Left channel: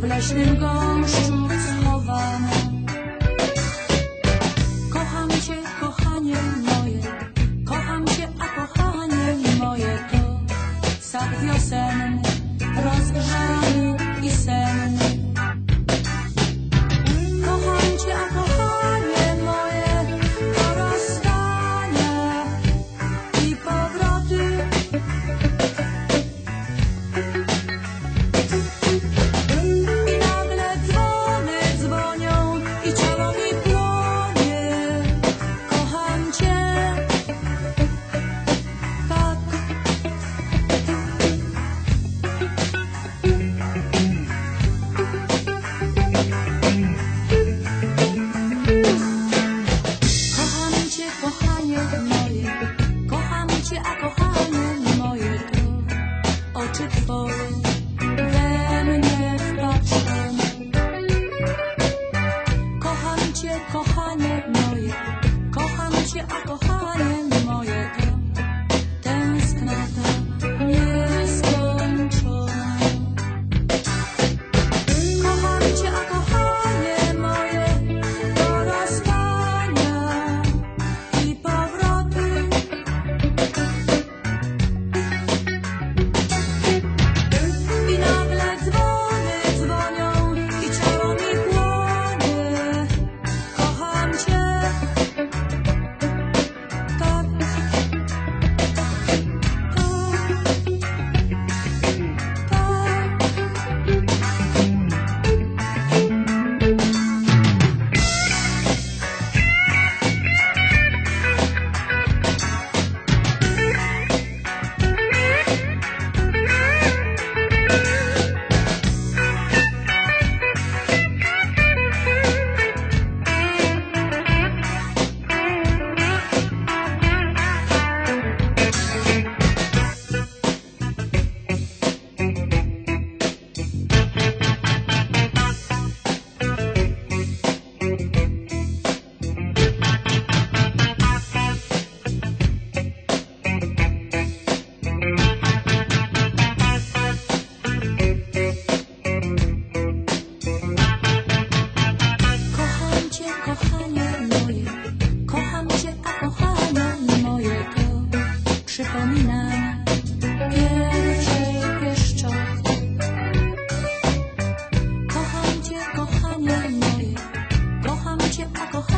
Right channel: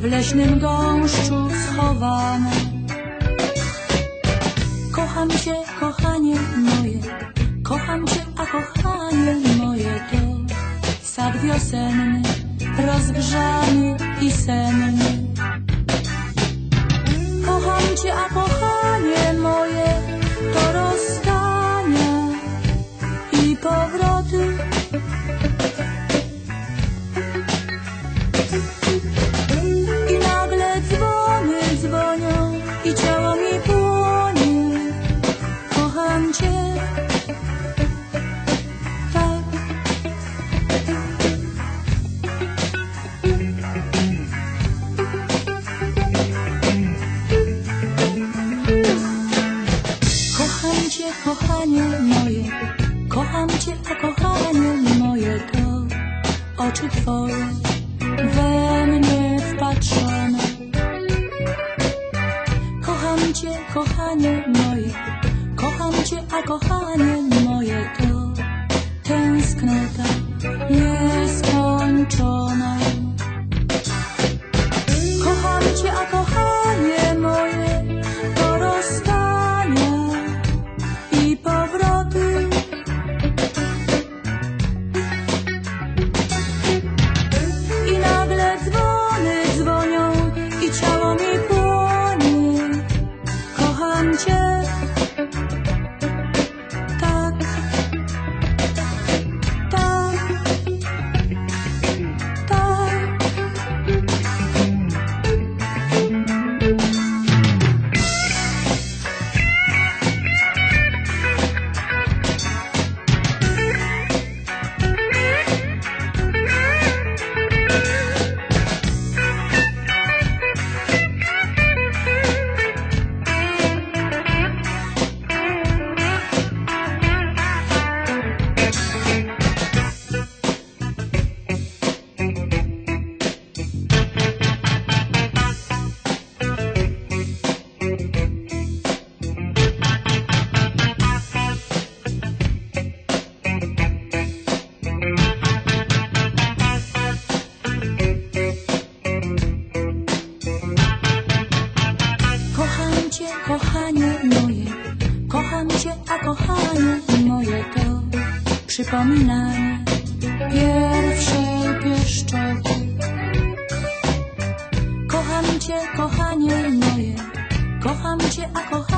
w leśnym gąszczu schowane. Kocham cię, kochanie moje, kocham cię, a kochanie moje to sad. alcohol. kocham cię, a kocham